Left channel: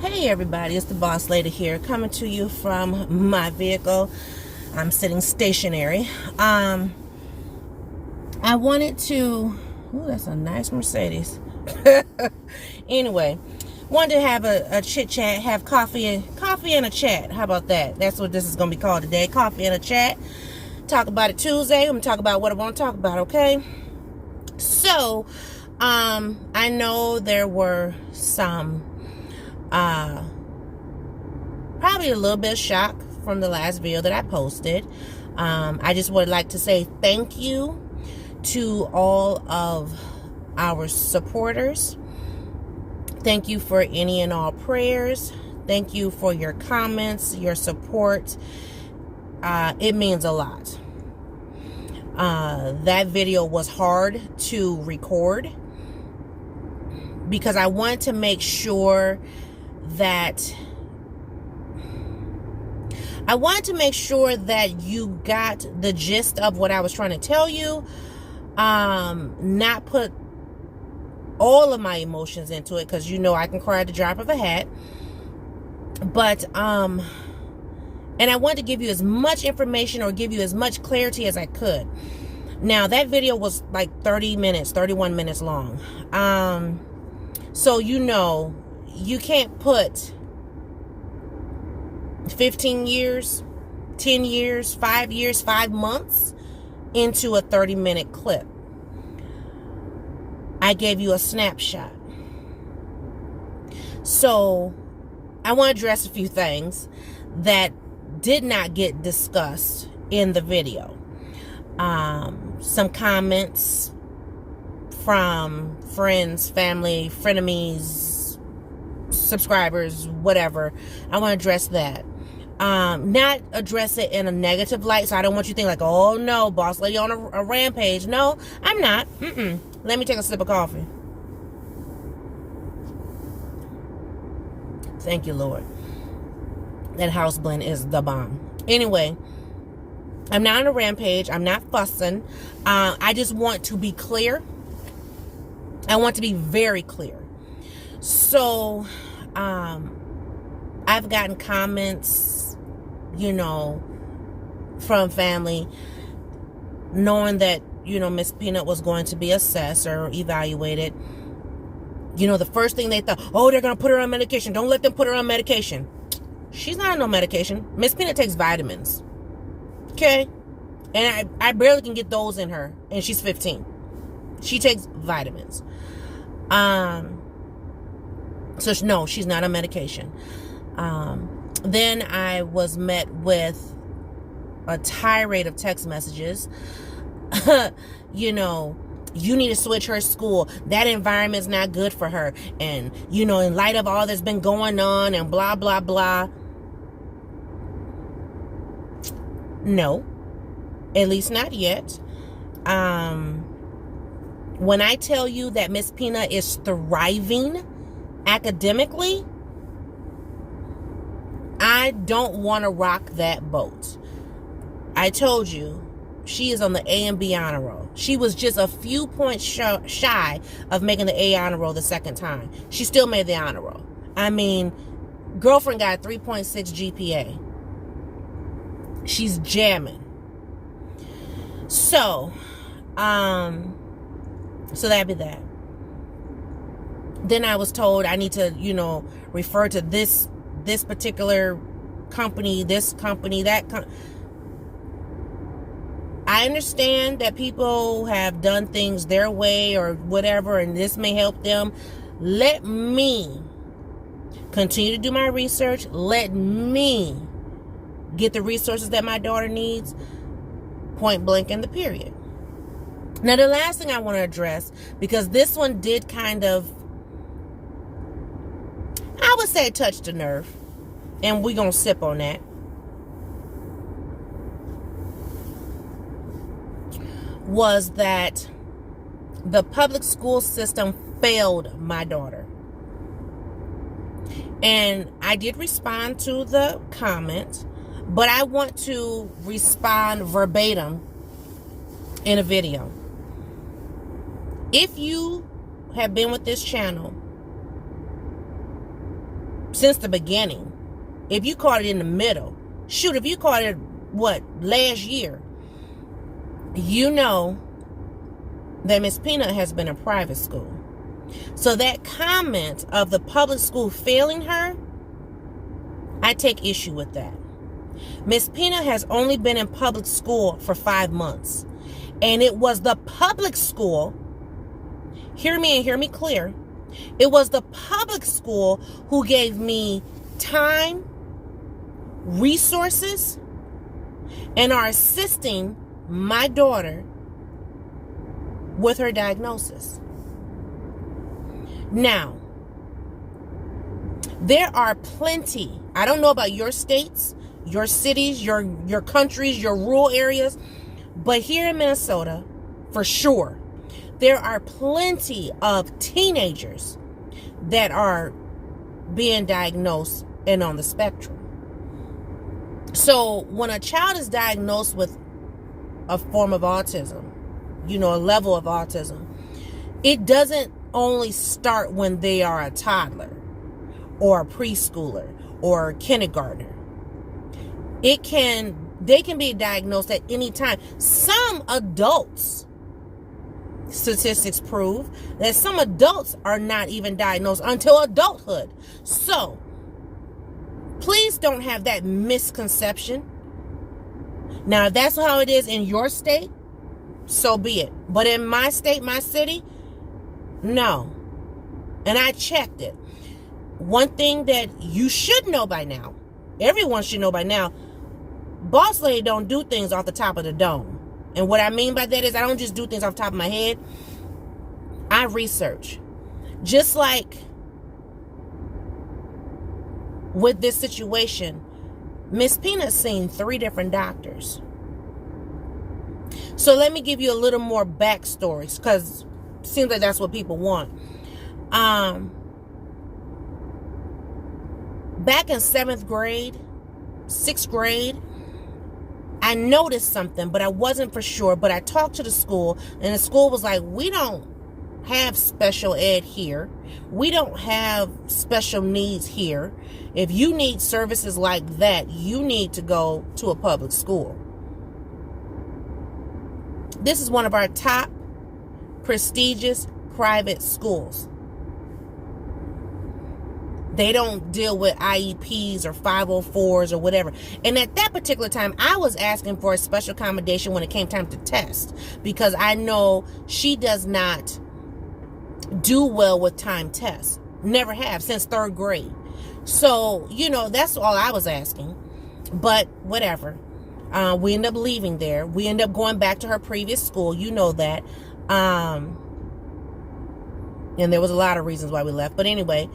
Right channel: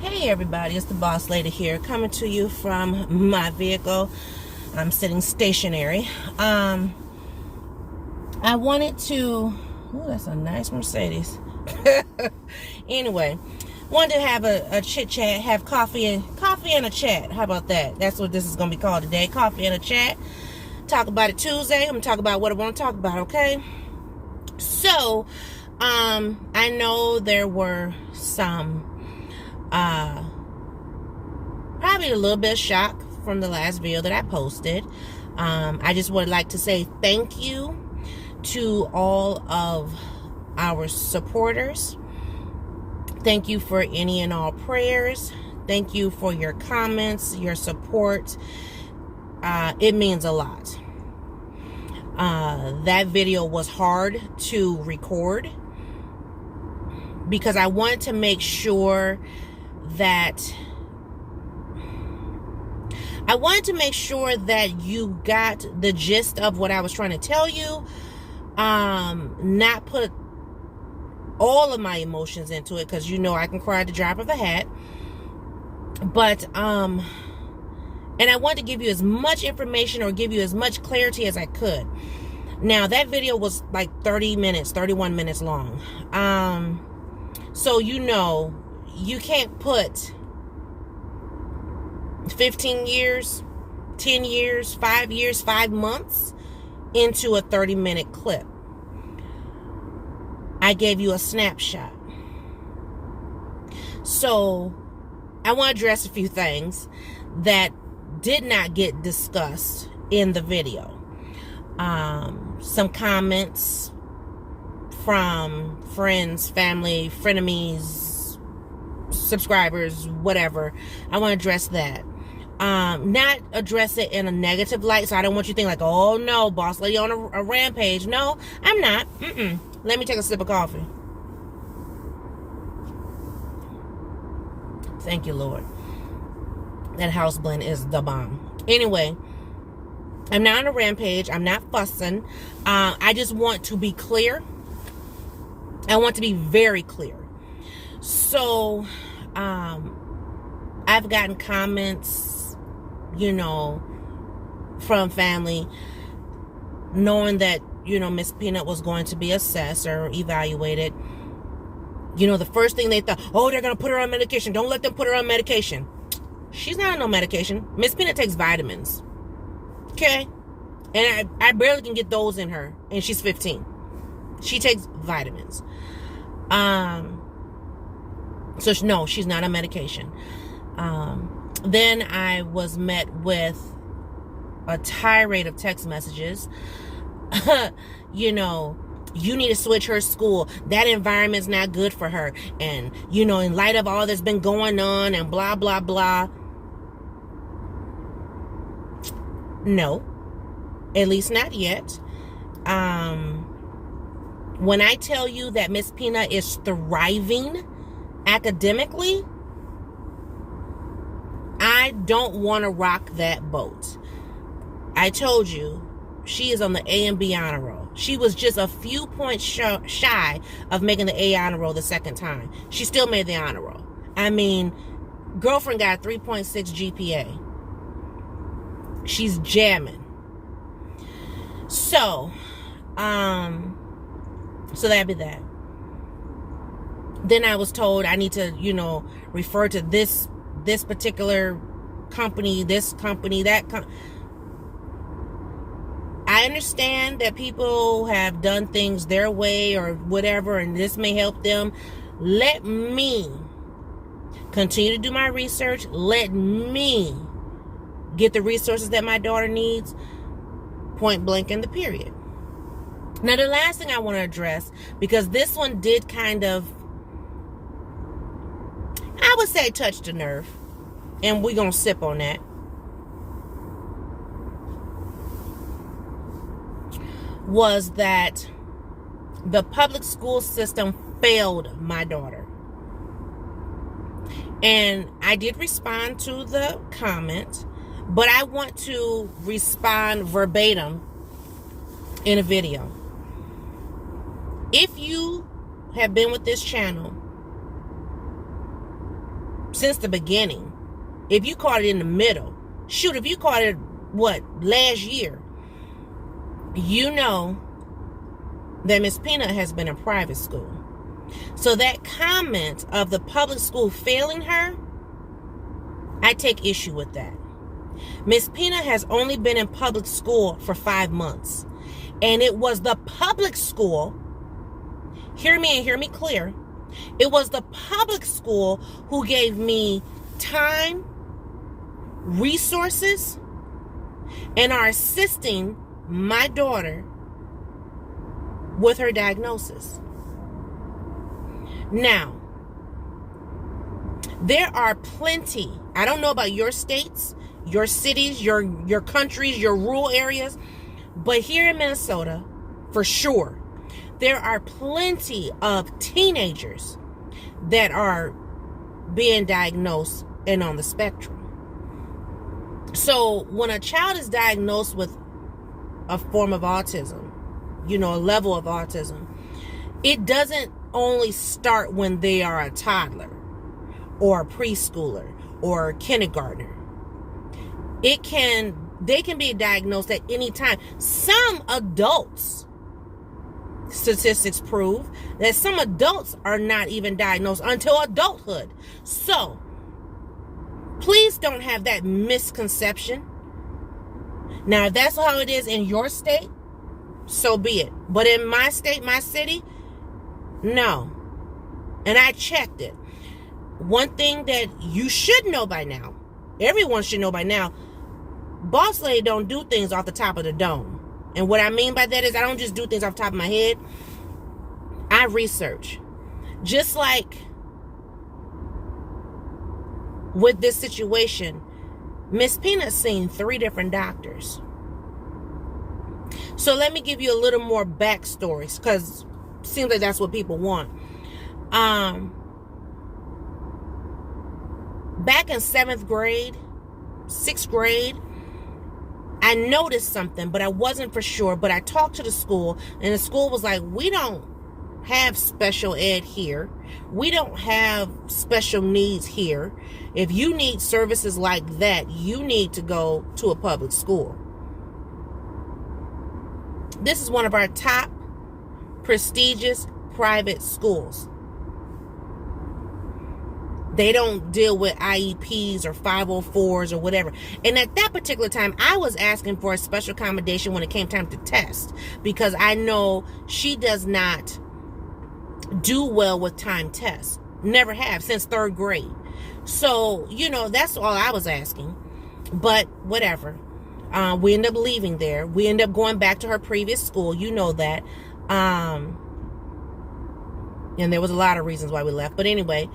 Hey everybody, it's the Boss Lady here, coming to you from my vehicle. I'm sitting stationary. I wanted to, oh, that's a nice Mercedes. Anyway, wanted to have a chit chat, have coffee and a chat. How about that? That's what this is going to be called today, coffee and a chat. Talk about it Tuesday. I'm going to talk about what I want to talk about, okay? So, I know there were some probably a little bit of shock from the last video that I posted. I just would like to say thank you to all of our supporters. Thank you for any and all prayers. Thank you for your comments, your support. It means a lot. That video was hard to record because I wanted to make sure that you got the gist of what I was trying to tell you. Not put all of my emotions into it, because you know I can cry at the drop of a hat. But and I wanted to give you as much information or give you as much clarity as I could. Now that video was like 31 minutes long. So you know, you can't put 15 years, 10 years, 5 years, 5 months into a 30-minute clip. I gave you a snapshot. So I want to address a few things that did not get discussed in the video. Some comments from friends, family, frenemies, subscribers, whatever. I want to address that. Not address it in a negative light, so I don't want you to think like, oh no, Boss Lady on a rampage. No, I'm not. Let me take a sip of coffee. Thank you, Lord. That house blend is the bomb. Anyway, I'm not on a rampage. I'm not fussing. I just want to be clear. I want to be very clear. So, I've gotten comments, you know, from family, knowing that, you know, Miss Peanut was going to be assessed or evaluated. You know, the first thing they thought, oh, they're going to put her on medication. Don't let them put her on medication. She's not on no medication. Miss Peanut takes vitamins. Okay? And I barely can get those in her. And she's 15. She takes vitamins. So no, she's not on medication. Then I was met with a tirade of text messages. You know, you need to switch her school. That environment's not good for her. And, you know, in light of all that's been going on and blah, blah, blah. No, at least not yet. When I tell you that Miss Peanut is thriving academically, I don't want to rock that boat. I told you, she is on the A and B honor roll. She was just a few points shy of making the A honor roll the second time. She still made the honor roll. I mean, girlfriend got a 3.6 GPA. She's jamming. So that'd be that. Then I was told I need to, you know, refer to this particular company, this company, that company. I understand that people have done things their way or whatever, and this may help them. Let me continue to do my research. Let me get the resources that my daughter needs. Point blank in the period. Now, the last thing I want to address, because this one did kind of, I would say, touch the nerve. And we're going to sip on that. Was that the public school system failed my daughter. And I did respond to the comment, but I want to respond verbatim in a video. If you have been with this channel since the beginning. If you caught it in the middle, shoot, if you caught it, last year, you know that Miss Peanut has been in private school. So that comment of the public school failing her, I take issue with that. Miss Peanut has only been in public school for 5 months. And it was the public school, hear me and hear me clear, it was the public school who gave me time, resources, and are assisting my daughter with her diagnosis. Now, there are plenty, I don't know about your states, your cities, your countries, your rural areas, but here in Minnesota, for sure, there are plenty of teenagers that are being diagnosed and on the spectrum. So when a child is diagnosed with a form of autism, a level of autism, it doesn't only start when they are a toddler or a preschooler or a kindergartner. They can be diagnosed at any time. Some adults, statistics prove that some adults are not even diagnosed until adulthood. So please don't have that misconception. Now, if that's how it is in your state, so be it. But in my state, my city, no. And I checked it. One thing that you should know by now, everyone should know by now, Boss Lady don't do things off the top of the dome. And what I mean by that is I don't just do things off the top of my head. I research. Just like with this situation, Miss Peanut's seen 3 different doctors. So let me give you a little more backstories, because it seems like that's what people want. Back in 7th grade, 6th grade, I noticed something, but I wasn't for sure. But I talked to the school, and the school was like, we don't have special ed here. We don't have special needs here. If you need services like that, you need to go to a public school. This is one of our top prestigious private schools. They don't deal with IEPs or 504s or whatever. And at that particular time, I was asking for a special accommodation when it came time to test, because I know she does not do well with time tests. Never have since 3rd grade. So, that's all I was asking. But whatever. We end up leaving there. We end up going back to her previous school. You know that. And there was a lot of reasons why we left. But anyway,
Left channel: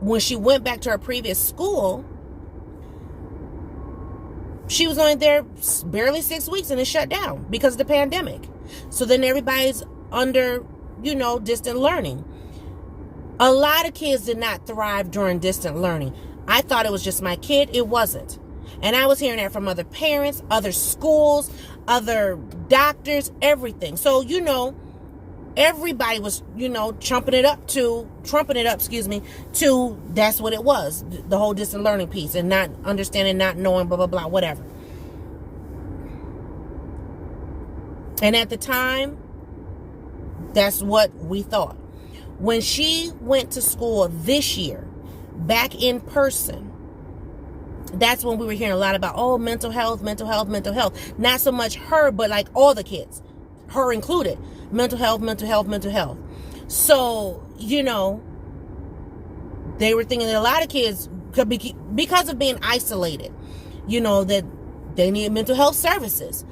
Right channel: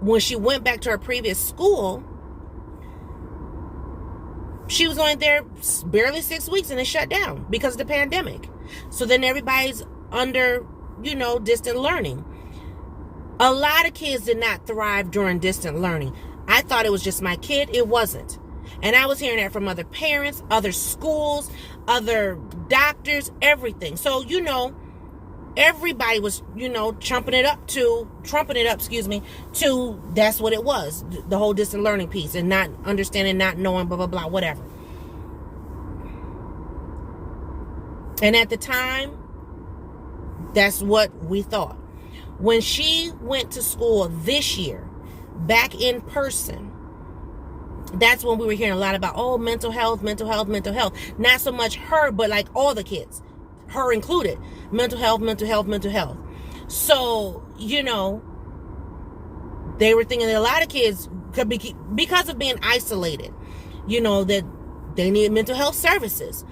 when she went back to her previous school, she was only there barely 6 weeks and it shut down because of the pandemic. So then everybody's under, distant learning. A lot of kids did not thrive during distant learning. I thought it was just my kid. It wasn't. And I was hearing that from other parents, other schools, other doctors, everything. So, everybody was, trumping it up, to that's what it was. The whole distant learning piece, and not understanding, not knowing, blah, blah, blah, whatever. And at the time, that's what we thought. When she went to school this year, back in person, that's when we were hearing a lot about, mental health. Not so much her, but like all the kids, her included. Mental health. So, they were thinking that a lot of kids could be, because of being isolated, that they needed mental health services.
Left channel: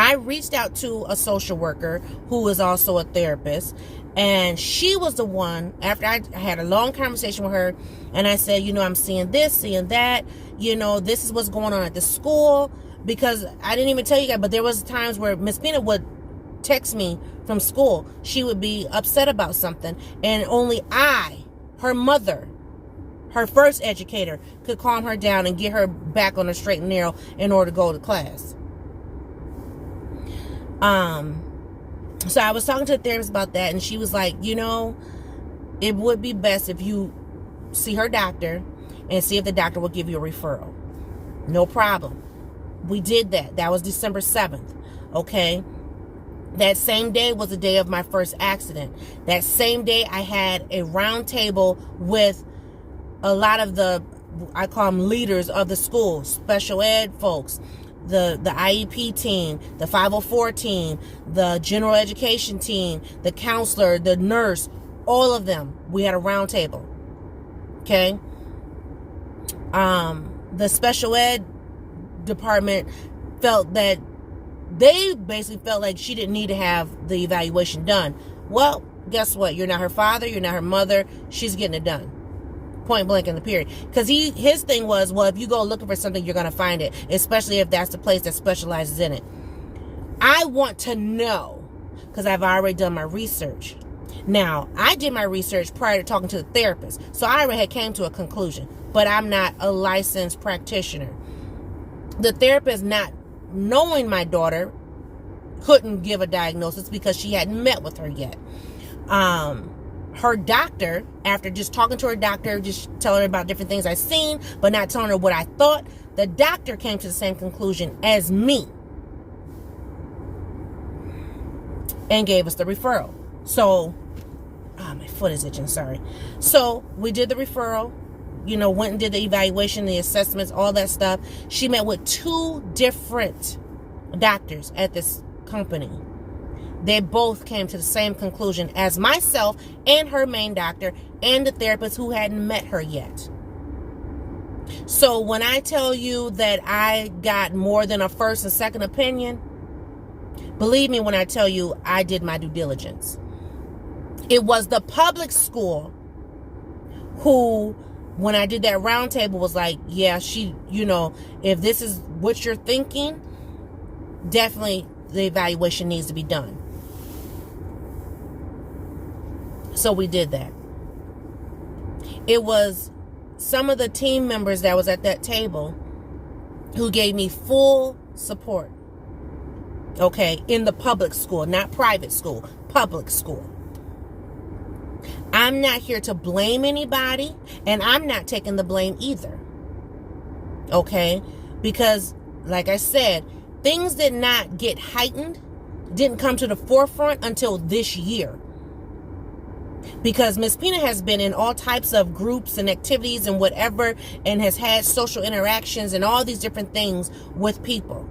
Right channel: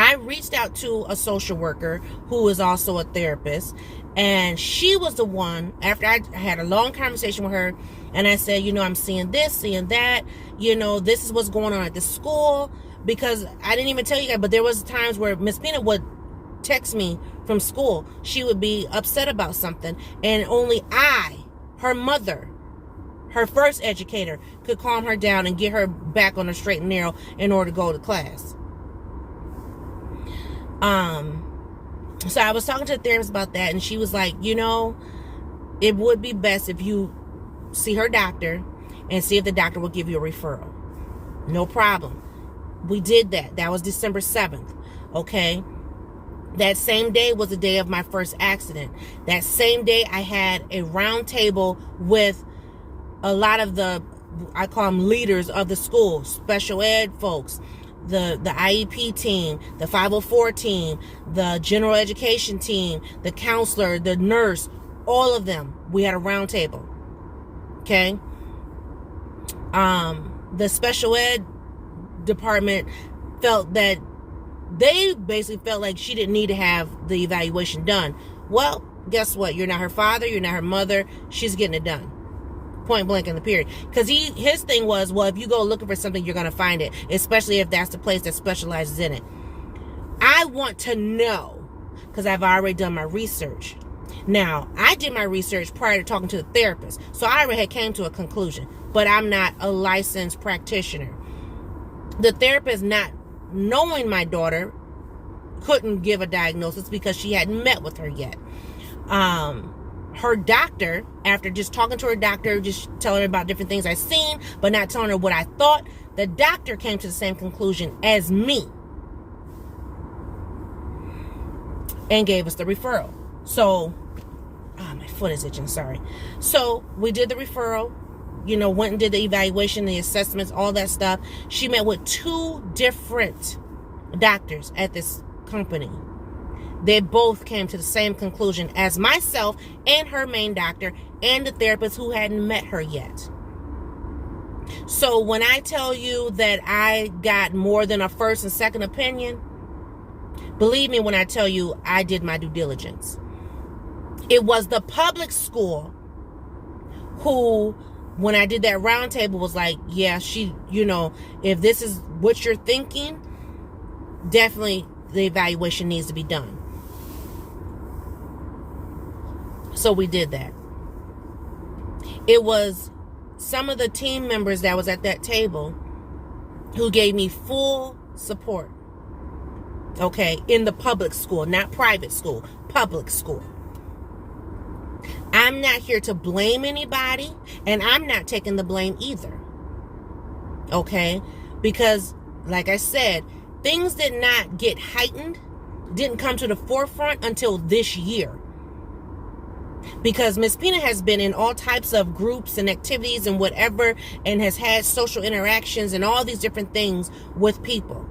I reached out to a social worker who is also a therapist, and she was the one, after I had a long conversation with her, and I said, I'm seeing this, seeing that, this is what's going on at the school, because I didn't even tell you guys, but there was times where Miss Peanut would text me from school. She would be upset about something, and only I, her mother, her first educator, could calm her down and get her back on the straight and narrow in order to go to class. So I was talking to the therapist about that, and she was like, it would be best if you see her doctor and see if the doctor will give you a referral. No problem. We did that. That was December 7th. Okay. That same day was the day of my first accident. That same day I had a round table with a lot of the, I call them leaders of the school, special ed folks, the IEP team, the 504 team, the general education team, the counselor, the nurse, all of them. We had a round table. Okay. The special ed department felt that they basically felt like she didn't need to have the evaluation done. Well, guess what? You're not her father. You're not her mother. She's getting it done. Point blank in the period. Because his thing was, well, if you go looking for something, you're going to find it, especially if that's the place that specializes in it. I want to know, because I've already done my research. Now, I did my research prior to talking to the therapist, so I already had came to a conclusion, but I'm not a licensed practitioner. The therapist, not knowing my daughter, couldn't give a diagnosis because she hadn't met with her yet. Her doctor, after just talking to her doctor, just telling her about different things I've seen, but not telling her what I thought, the doctor came to the same conclusion as me and gave us the referral. So, my foot is itching, sorry. So, we did the referral, went and did the evaluation, the assessments, all that stuff. She met with 2 different doctors at this company. They both came to the same conclusion as myself and her main doctor and the therapist who hadn't met her yet. So when I tell you that I got more than a first and second opinion, believe me when I tell you I did my due diligence. It was the public school who, when I did that round table, was like, yeah, she, if this is what you're thinking, definitely the evaluation needs to be done. So we did that. It was some of the team members that was at that table who gave me full support. Okay, in the public school, not private school, public school. I'm not here to blame anybody, and I'm not taking the blame either. Okay, because like I said, things did not get heightened, didn't come to the forefront until this year. Because Miss Pina has been in all types of groups and activities and whatever, and has had social interactions and all these different things with people.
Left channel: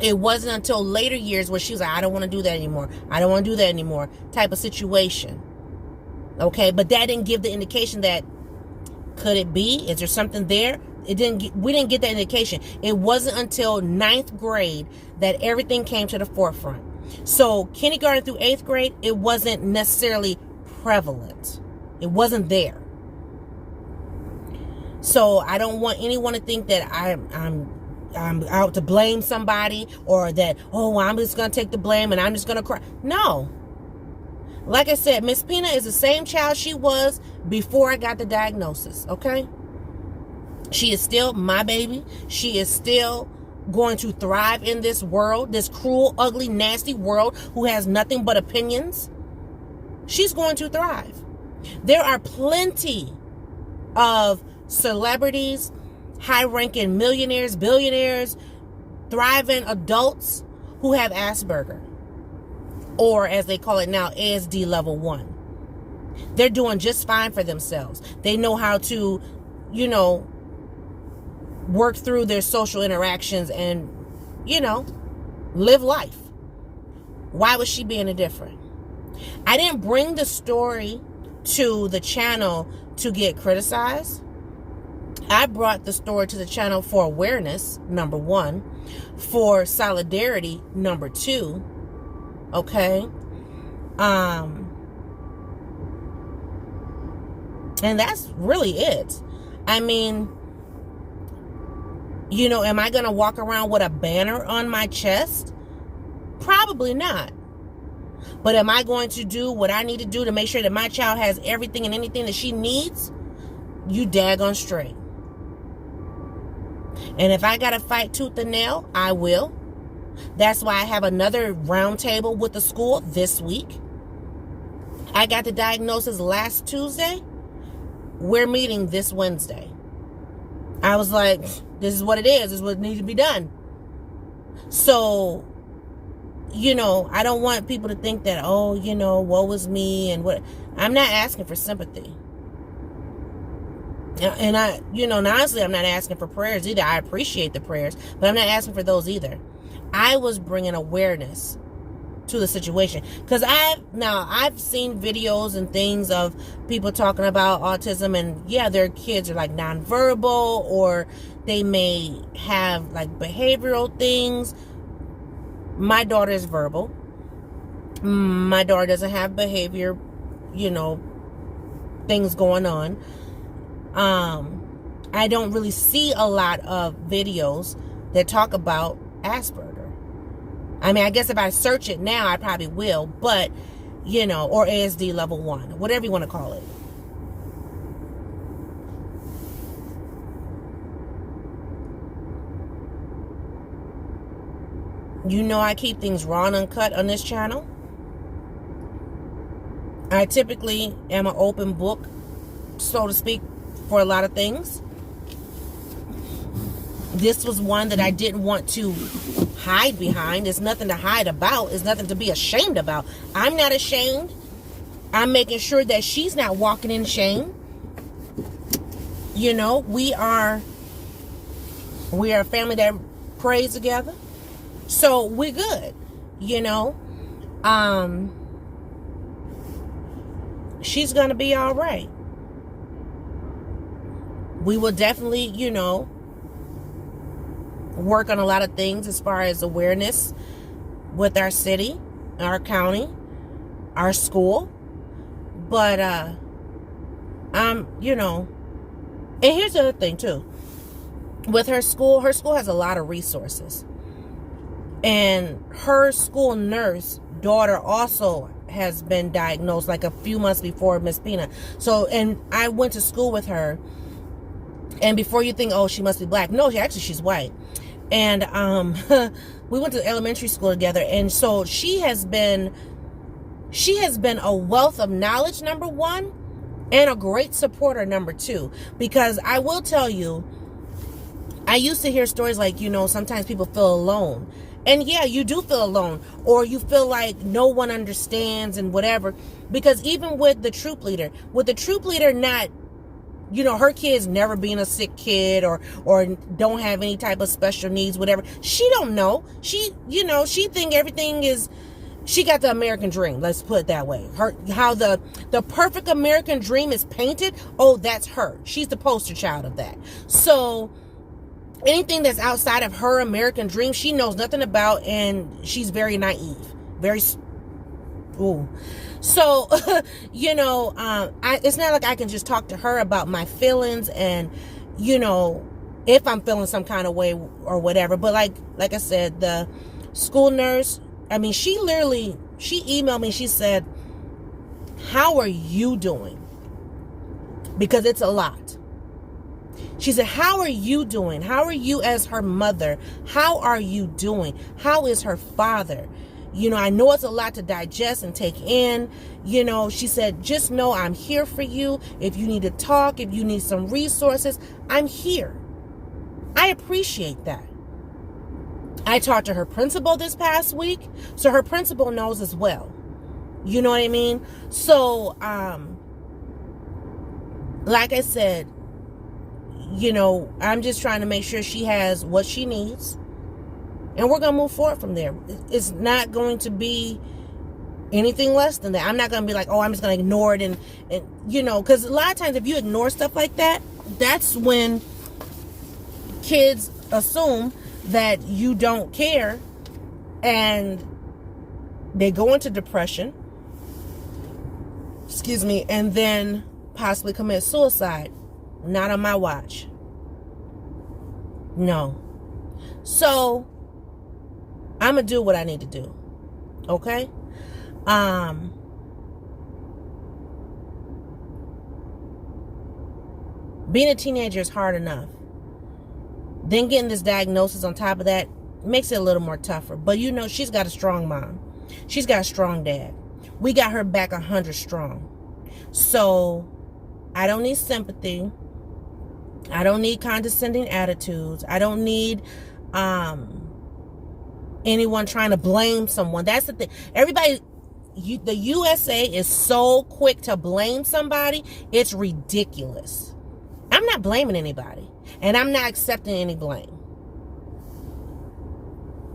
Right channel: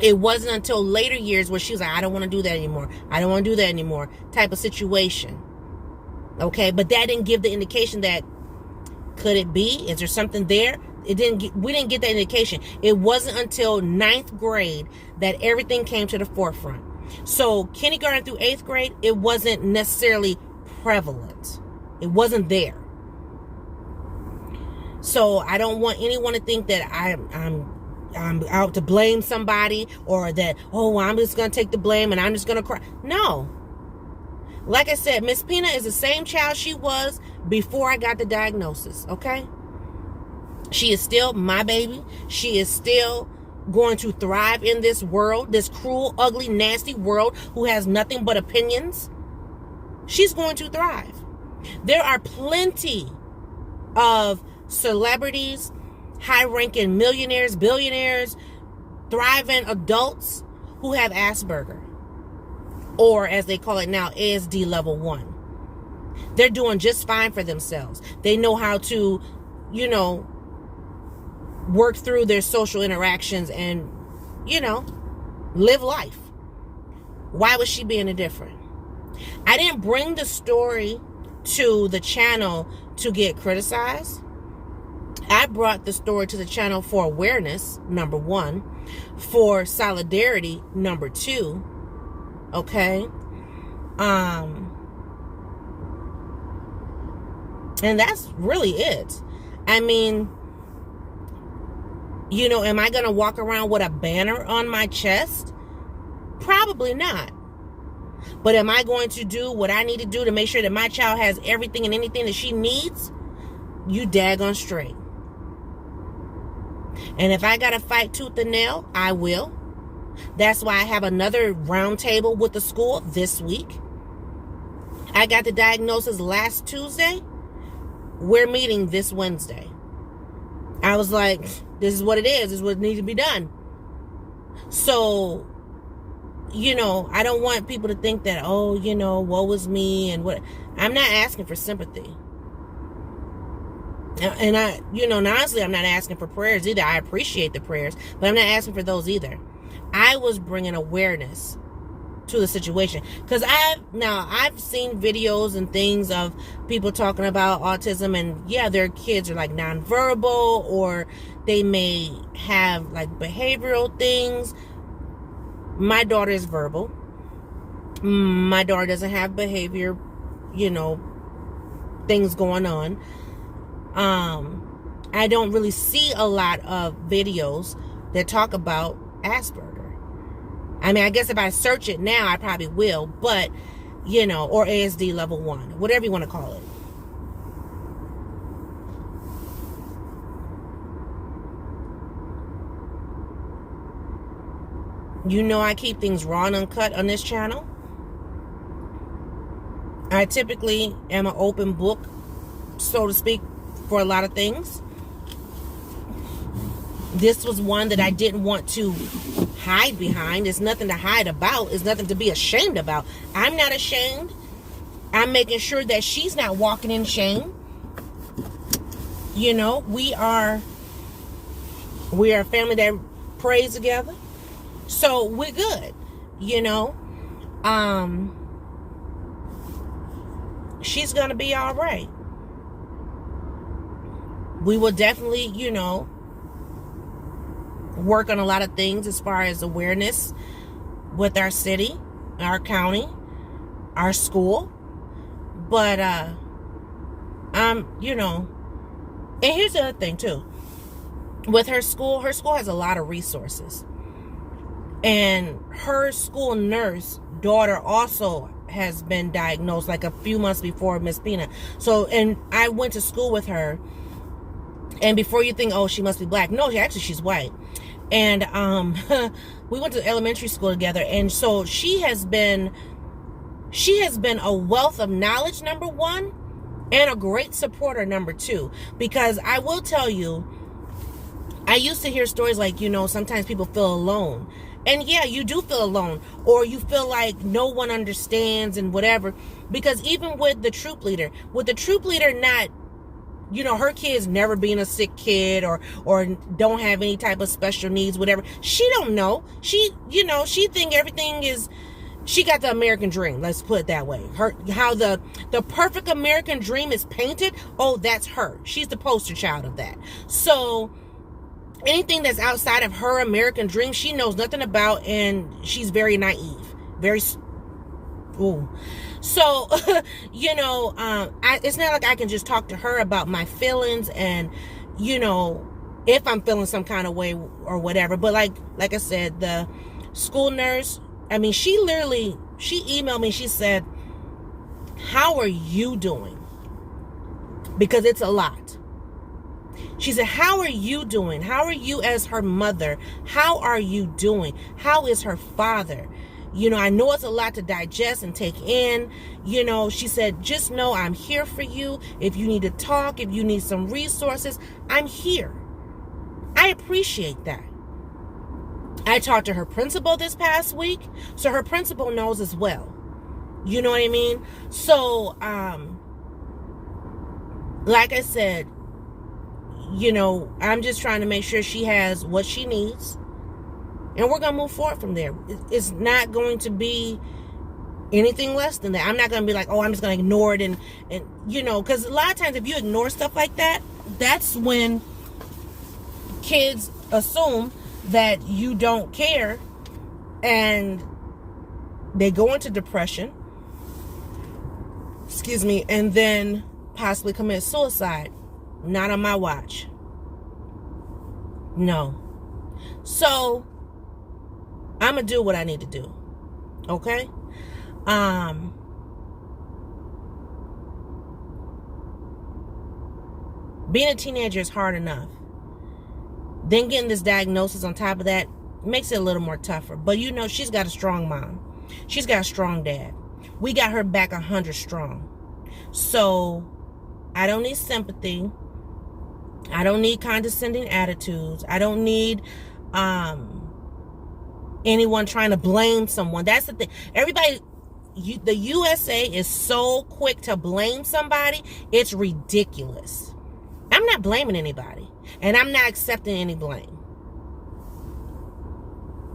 It wasn't until later years where she was like, I don't want to do that anymore. I don't want to do that anymore type of situation. Okay, but that didn't give the indication that, could it be? Is there something there? We didn't get that indication. It wasn't until 9th grade that everything came to the forefront. So kindergarten through 8th grade, it wasn't necessarily prevalent. It wasn't there. So I don't want anyone to think that I'm out to blame somebody, or that, I'm just going to take the blame and I'm just going to cry. No. Like I said, Miss Pina is the same child she was before I got the diagnosis, okay? She is still my baby. She is still going to thrive in this world, this cruel, ugly, nasty world who has nothing but opinions. She's going to thrive. There are plenty of celebrities, high-ranking millionaires, billionaires, thriving adults who have Asperger, or as they call it now, ASD level 1. They're doing just fine for themselves. They know how to, work through their social interactions and, live life. Why was she being different? I didn't bring the story to the channel to get criticized. I brought the story to the channel for awareness, number 1, for solidarity, number 2. Okay. And that's really it. I mean, am I going to walk around with a banner on my chest? Probably not. But am I going to do what I need to do to make sure that my child has everything and anything that she needs? You daggone straight. And if I got to fight tooth and nail, I will. That's why I have another round table with the school this week. I got the diagnosis last Tuesday. We're meeting this Wednesday. I was like, this is what it is. This is what needs to be done. So, I don't want people to think that, oh, woe is me and what. I'm not asking for sympathy. And honestly, I'm not asking for prayers either. I appreciate the prayers, but I'm not asking for those either. I was bringing awareness to the situation, because I've seen videos and things of people talking about autism, and yeah, their kids are like nonverbal, or they may have like behavioral things. My daughter is verbal. My daughter doesn't have behavior, things going on. I don't really see a lot of videos that talk about Asperger. I mean, I guess if I search it now, I probably will, but, or ASD level 1, whatever you want to call it. I keep things raw and uncut on this channel. I typically am an open book, so to speak, for a lot of things. This was one that I didn't want to hide behind. There's nothing to hide about. There's nothing to be ashamed about. I'm not ashamed. I'm making sure that she's not walking in shame. We are a family that prays together. So we're good. She's going to be all right. We will definitely, work on a lot of things as far as awareness with our city, our county, our school. But, and here's the other thing too. With her school has a lot of resources. And her school nurse daughter also has been diagnosed like a few months before Miss Pina. So, and I went to school with her. And before you think, oh, she must be black. No, she's white. And we went to elementary school together. And so she has been a wealth of knowledge, number one, and a great supporter, number two. Because I will tell you, I used to hear stories like, sometimes people feel alone. And yeah, you do feel alone, or you feel like no one understands and whatever. Because even with the troop leader not, her kids never being a sick kid or don't have any type of special needs, whatever. She don't know. She think everything is, she got the American dream. Let's put it that way. How the perfect American dream is painted. Oh, that's her. She's the poster child of that. So anything that's outside of her American dream, she knows nothing about, and she's very naive. Very, ooh. So, it's not like I can just talk to her about my feelings and, if I'm feeling some kind of way or whatever. But like I said, the school nurse, she emailed me. She said, how are you doing? Because it's a lot. She said, how are you doing? How are you as her mother? How are you doing? How is her father? I know it's a lot to digest and take in. She said, just know I'm here for you. If you need to talk, if you need some resources, I'm here. I appreciate that. I talked to her principal this past week, so her principal knows as well. You know what I mean? So, like I said, I'm just trying to make sure she has what she needs. And we're going to move forward from there. It's not going to be anything less than that. I'm not going to be like, oh, I'm just going to ignore it. And because a lot of times if you ignore stuff like that, that's when kids assume that you don't care. And they go into depression. Excuse me. And then possibly commit suicide. Not on my watch. No. So I'm going to do what I need to do. Okay? Being a teenager is hard enough. Then getting this diagnosis on top of that makes it a little more tougher. But she's got a strong mom. She's got a strong dad. we got her back 100 strong. So I don't need sympathy. I don't need condescending attitudes. I don't need anyone trying to blame someone. That's the thing. Everybody, the USA is so quick to blame somebody. It's ridiculous. I'm not blaming anybody. And I'm not accepting any blame.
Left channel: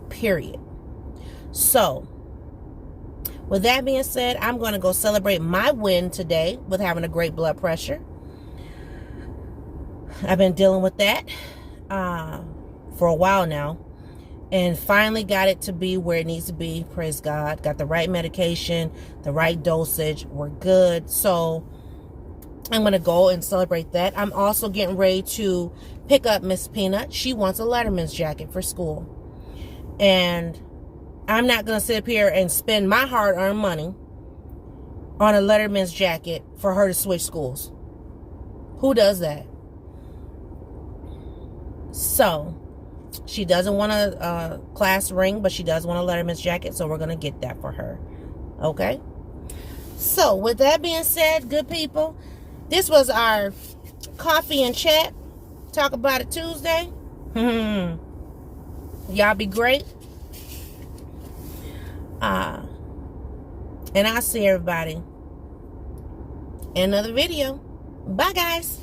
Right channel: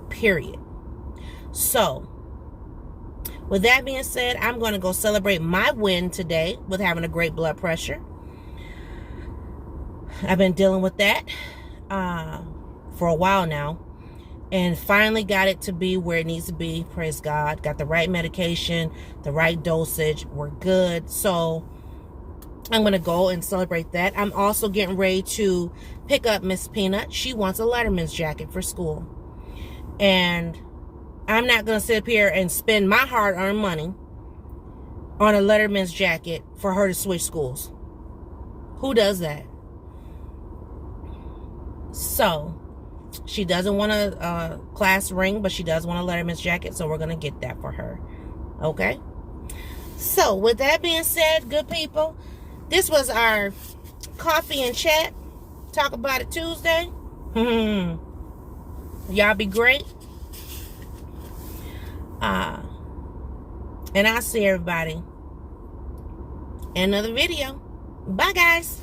Period. So, with that being said, I'm going to go celebrate my win today with having a great blood pressure. I've been dealing with that for a while now. And finally got it to be where it needs to be. Praise God. Got the right medication, the right dosage. We're good. So I'm going to go and celebrate that. I'm also getting ready to pick up Miss Peanut. She wants a Letterman's jacket for school. And I'm not going to sit up here and spend my hard-earned money on a Letterman's jacket for her to switch schools. Who does that? So she doesn't want a class ring, but she does want a Letterman's jacket, so we're going to get that for her. Okay? So, with that being said, good people, this was our coffee and chat. Talk about it Tuesday. Y'all be great. And I'll see everybody in another video. Bye, guys.